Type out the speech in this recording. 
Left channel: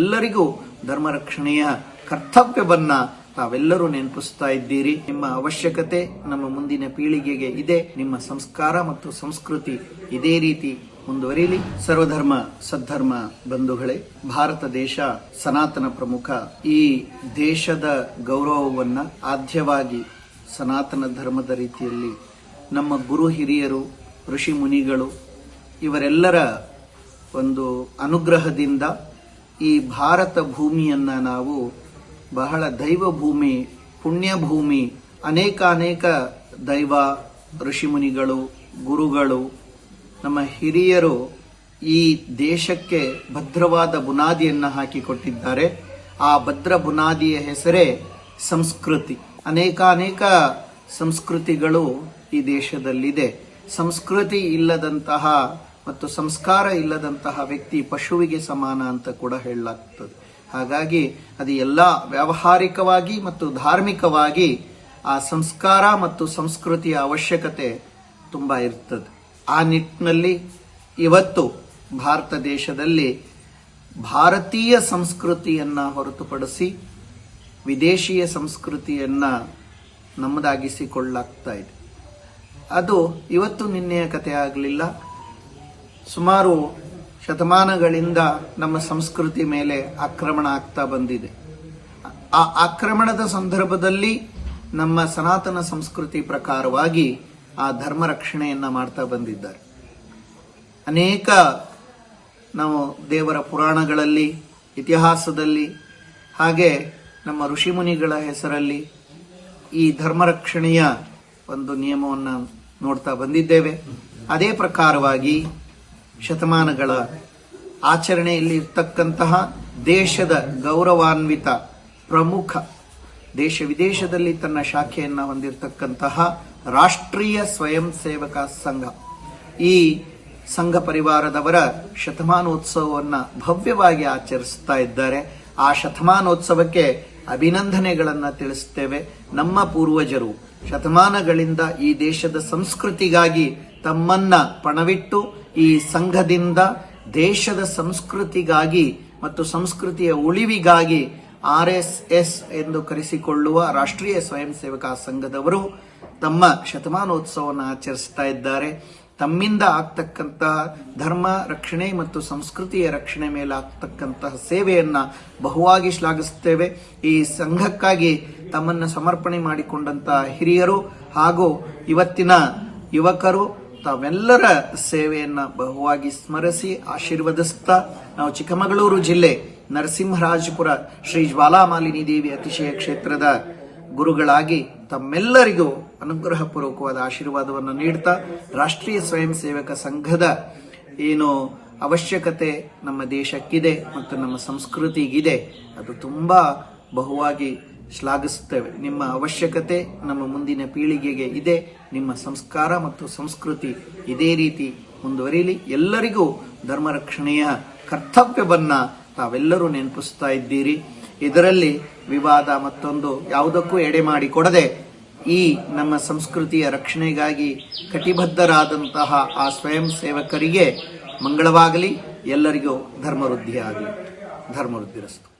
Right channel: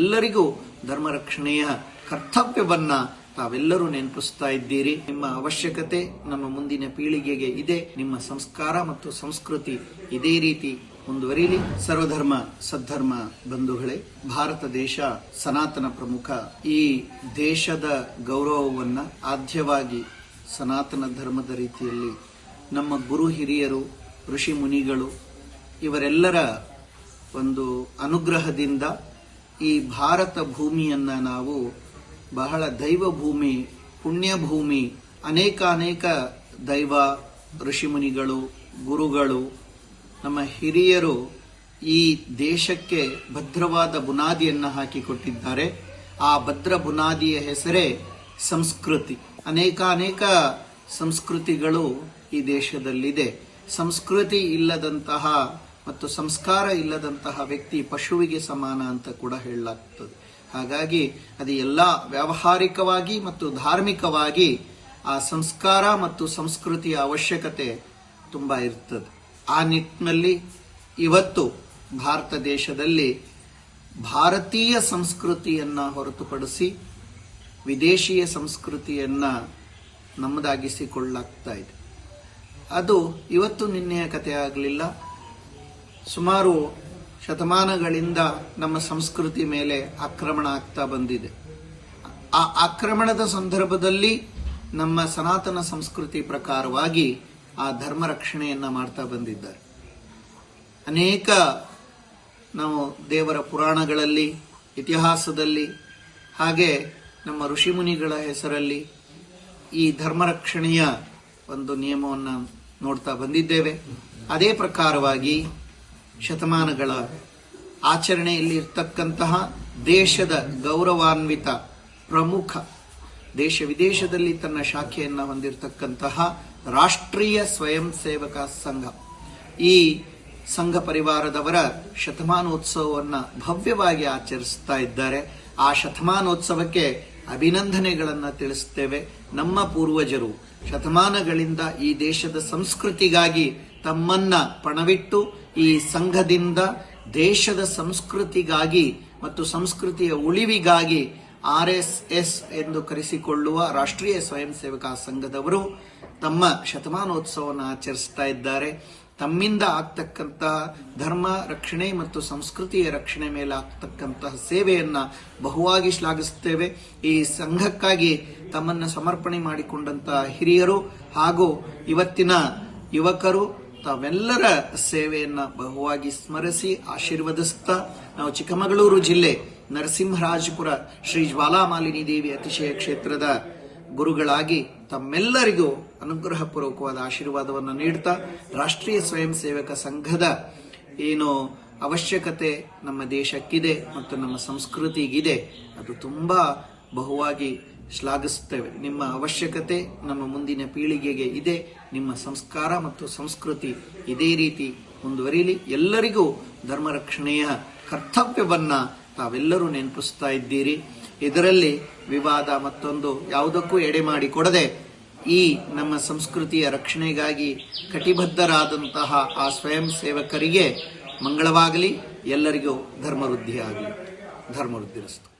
ಎಲ್ಲರಿಗೂ ಧರ್ಮ ರಕ್ಷಣೆಯ ಕರ್ತವ್ಯವನ್ನ ತಾವೆಲ್ಲರೂ ನೆನಪಿಸ್ತಾ ಇದ್ದೀರಿ. ನಿಮ್ಮ ಅವಶ್ಯಕತೆ ನಮ್ಮ ಮುಂದಿನ ಪೀಳಿಗೆಗೆ ಇದೆ. ನಿಮ್ಮ ಸಂಸ್ಕಾರ ಮತ್ತು ಸಂಸ್ಕೃತಿ ಇದೇ ರೀತಿ ಮುಂದುವರಿಯಲಿ ಸರ್ವಧರ್ಮ, ಸದ್ಧರ್ಮ ಬಂಧುಗಳೇ, ಭಾರತ ದೇಶ ಸನಾತನ ಪ್ರಮುಖ. ಈ ದೇಶದ ಗೌರವವನ್ನ ಆದ್ಯವಾಗಿ ಸನಾತನ ಧರ್ಮದ ರೀತಿಯಲ್ಲಿ ನಮ್ಮ ಗುರು ಹಿರಿಯರು, ಋಷಿ ಮುನಿಗಳು, ಇವರೆಲ್ಲರ ಒಂದು ಅನುಗ್ರಹದಿಂದ ಈ ಭಾರತ ಭೂಮಿಯನ್ನ ನಾವು ಬಹಳ ದೈವ ಭೂಮಿ, ಪುಣ್ಯ ಭೂಮಿ ಅನೇಕ ಅನೇಕ ದೈವ ಋಷಿಮುನಿಗಳು, ಗುರುಗಳು, ನಮ್ಮ ಹಿರಿಯರು ಈ ದೇಶಕ್ಕೆ ಭದ್ರವಾದ ಬುನಾದಿಯನ್ನು ಹಾಕಿಕೊಟ್ಟಿದ್ದಾರೆ. ಆ ಭದ್ರ ಬುನಾದಿಯ ಹೆಸರೇ ಸಂಸ್ಕೃತಿ. ಅನೇಕ ಅನೇಕ ಸಂಸ್ಕೃತಿಗಳು ಈ ದೇಶದಲ್ಲಿದೆ. ಸಂಸ್ಕೃತಿ ಇಲ್ಲದಂತಹ ಮತ್ತು ಸಂಸ್ಕಾರ ಇಲ್ಲದಂತಹ ವ್ಯಕ್ತಿ ಪಶುವಿಗೆ ಸಮಾನ ಅಂತ ಕೂಡ ಹೇಳಲಾಗ್ತದೆ. ಹಾಗಾಗಿ ಅದು ಎಲ್ಲ ವ್ಯಾವಹಾರಿಕವಾಗಿ ಮತ್ತು ಧಾರ್ಮಿಕವಾಗಿ ಆ ಸಂಸ್ಕಾರ ಮತ್ತು ಸಂಸ್ಕೃತಿಯ ಅವಶ್ಯಕತೆ ತುಂಬಾ ಇರ್ತದೆ. ಆ ನಿಟ್ಟಿನಲ್ಲಿ ಇವತ್ತು ಭಾರತ ದೇಶದಲ್ಲಿ ಭಾರತೀಯ ಸಂಸ್ಕೃತಿಯನ್ನ ಹೊರತುಪಡಿಸಿ ವಿದೇಶಿಯ ಸಂಸ್ಕೃತಿಯನ್ನ ನಮ್ಮದಾಗಿಸಿಕೊಳ್ಳಲಾಗ್ತಾ ಇದೆ. ಅದು ಇವತ್ತು ನಿನ್ನೆಯ ಕಥೆ ಆಗಲಿಲ್ಲ. ಸುಮಾರು ಶತಮಾನಗಳಿಂದ ನಮ್ಮ ಸಂಸ್ಕೃತಿ ಮೇಲೆ ಆಕ್ರಮಣ ಆಗ್ತಾ ಬಂದಿದೆ. ಆ ಆಕ್ರಮಣದ ಸಂದರ್ಭದಲ್ಲಿ ನಮ್ಮ ಸನಾತನ ಸಂಸ್ಕೃತಿ ಪ್ರಕಾರವಾಗಿ ಆ ಧರ್ಮ ರಕ್ಷಣೆಯನ್ನ ಮಾಡ್ತಾ ಬಂದಿದ್ದಾರೆ. ಅನೇಕ ನಾವು ದೇವರ ಪುರಾಣಗಳಲ್ಲಿ, ಇತಿಹಾಸದಲ್ಲಿ, ಹಾಗೆ ನಮ್ಮ ಋಷಿಮುನಿಗಳ ಹೆಸರಲ್ಲಿ ಈ ಧರ್ಮ ರಕ್ಷಣೆಯ ಒಂದು ನಿಯಮವನ್ನು ನೋಡ್ತಾ ಬಂದಿದ್ದೇವೆ. ಅದೇ ಪ್ರಕಾರವಾಗಿ ಶತಮಾನಗಳ ಆಚರಣೆಯಲ್ಲಿ ಇರ್ತಕ್ಕಂತಹ ದೇಶದ ಗೌರವಾನ್ವಿತ ಪ್ರಮುಖ ದೇಶ ವಿದೇಶದಲ್ಲಿ ತನ್ನ ಶಾಖೆಯನ್ನು ಹೊಂದಿರತಕ್ಕಂತಹ ರಾಷ್ಟ್ರೀಯ ಸ್ವಯಂ ಸೇವಕ ಸಂಘ. ಈ ಸಂಘ ಪರಿವಾರದವರ ಶತಮಾನೋತ್ಸವವನ್ನು ಭವ್ಯವಾಗಿ ಆಚರಿಸ್ತಾ ಇದ್ದಾರೆ. ಆ ಶತಮಾನೋತ್ಸವಕ್ಕೆ ಅಭಿನಂದನೆಗಳನ್ನ ತಿಳಿಸುತ್ತೇವೆ ನಮ್ಮ ಪೂರ್ವಜರು. ಶತಮಾನಗಳಿಂದ ಈ ದೇಶದ ಸಂಸ್ಕೃತಿಗಾಗಿ ತಮ್ಮನ್ನ ಪಣವಿಟ್ಟು ಈ ಸಂಘದಿಂದ ದೇಶದ ಸಂಸ್ಕೃತಿಗಾಗಿ ಮತ್ತು ಸಂಸ್ಕೃತಿಯ ಉಳಿವಿಗಾಗಿ ಆರ್ ಎಸ್ ಎಸ್ ಎಂದು ಕರೆಸಿಕೊಳ್ಳುವ ರಾಷ್ಟ್ರೀಯ ಸ್ವಯಂ ಸೇವಕ ಸಂಘದವರು ತಮ್ಮ ಶತಮಾನೋತ್ಸವವನ್ನು ಆಚರಿಸ್ತಾ ಇದ್ದಾರೆ. ತಮ್ಮಿಂದ ಆಗ್ತಕ್ಕಂತಹ ಧರ್ಮ ರಕ್ಷಣೆ ಮತ್ತು ಸಂಸ್ಕೃತಿಯ ರಕ್ಷಣೆ ಮೇಲೆ ಆಗ್ತಕ್ಕಂತಹ ಸೇವೆಯನ್ನ ಬಹುವಾಗಿ ಶ್ಲಾಘಿಸುತ್ತೇವೆ. ಈ ಸಂಘಕ್ಕಾಗಿ ತಮ್ಮನ್ನು ಸಮರ್ಪಣೆ ಮಾಡಿಕೊಂಡಂತ ಹಿರಿಯರು ಹಾಗೂ ಇವತ್ತಿನ ಯುವಕರು ತಾವೆಲ್ಲರ ಸೇವೆಯನ್ನ ಬಹುವಾಗಿ ಸ್ಮರಿಸಿ ಆಶೀರ್ವದಿಸುತ್ತಾ ನಾವು ಚಿಕ್ಕಮಗಳೂರು ಜಿಲ್ಲೆ ನರಸಿಂಹರಾಜಪುರ ಶ್ರೀ ಜ್ವಾಲಾಮಾಲಿನಿ ದೇವಿ ಅತಿಶಯ ಕ್ಷೇತ್ರದ ಗುರುಗಳಾಗಿ ತಮ್ಮೆಲ್ಲರಿಗೂ ಅನುಗ್ರಹಪೂರ್ವಕವಾದ ಆಶೀರ್ವಾದವನ್ನು ನೀಡ್ತಾ ರಾಷ್ಟ್ರೀಯ ಸ್ವಯಂ ಸೇವಕ ಸಂಘದ ಏನು ಅವಶ್ಯಕತೆ ನಮ್ಮ ದೇಶಕ್ಕಿದೆ ಮತ್ತು ನಮ್ಮ ಸಂಸ್ಕೃತಿಗಿದೆ, ಅದು ತುಂಬಾ ಬಹುವಾಗಿ ಶ್ಲಾಘಿಸುತ್ತೇವೆ. ನಿಮ್ಮ ಅವಶ್ಯಕತೆ ನಮ್ಮ ಮುಂದಿನ ಪೀಳಿಗೆಗೆ ಇದೆ, ನಿಮ್ಮ ಸಂಸ್ಕಾರ ಮತ್ತು ಸಂಸ್ಕೃತಿ ಇದೇ ರೀತಿ ಮುಂದುವರಿಯಲಿ ಎಲ್ಲರಿಗೂ ಧರ್ಮ ರಕ್ಷಣೆಯ ಕರ್ತವ್ಯವನ್ನ ತಾವೆಲ್ಲರೂ ನೆನಪಿಸ್ತಾ ಇದ್ದೀರಿ. ಇದರಲ್ಲಿ ವಿವಾದ ಮತ್ತೊಂದು ಯಾವುದಕ್ಕೂ ಎಡೆ ಮಾಡಿ ಕೊಡದೆ ಈ ನಮ್ಮ ಸಂಸ್ಕೃತಿಯ ರಕ್ಷಣೆಗಾಗಿ ಕಟಿಬದ್ಧರಾದಂತಹ ಆ ಸ್ವಯಂ ಸೇವಕರಿಗೆ ಮಂಗಳವಾಗಲಿ. ಎಲ್ಲರಿಗೂ ಧರ್ಮವೃದ್ಧಿಯಾಗಲಿ. ಧರ್ಮವೃದ್ಧಿರಸ್ತು.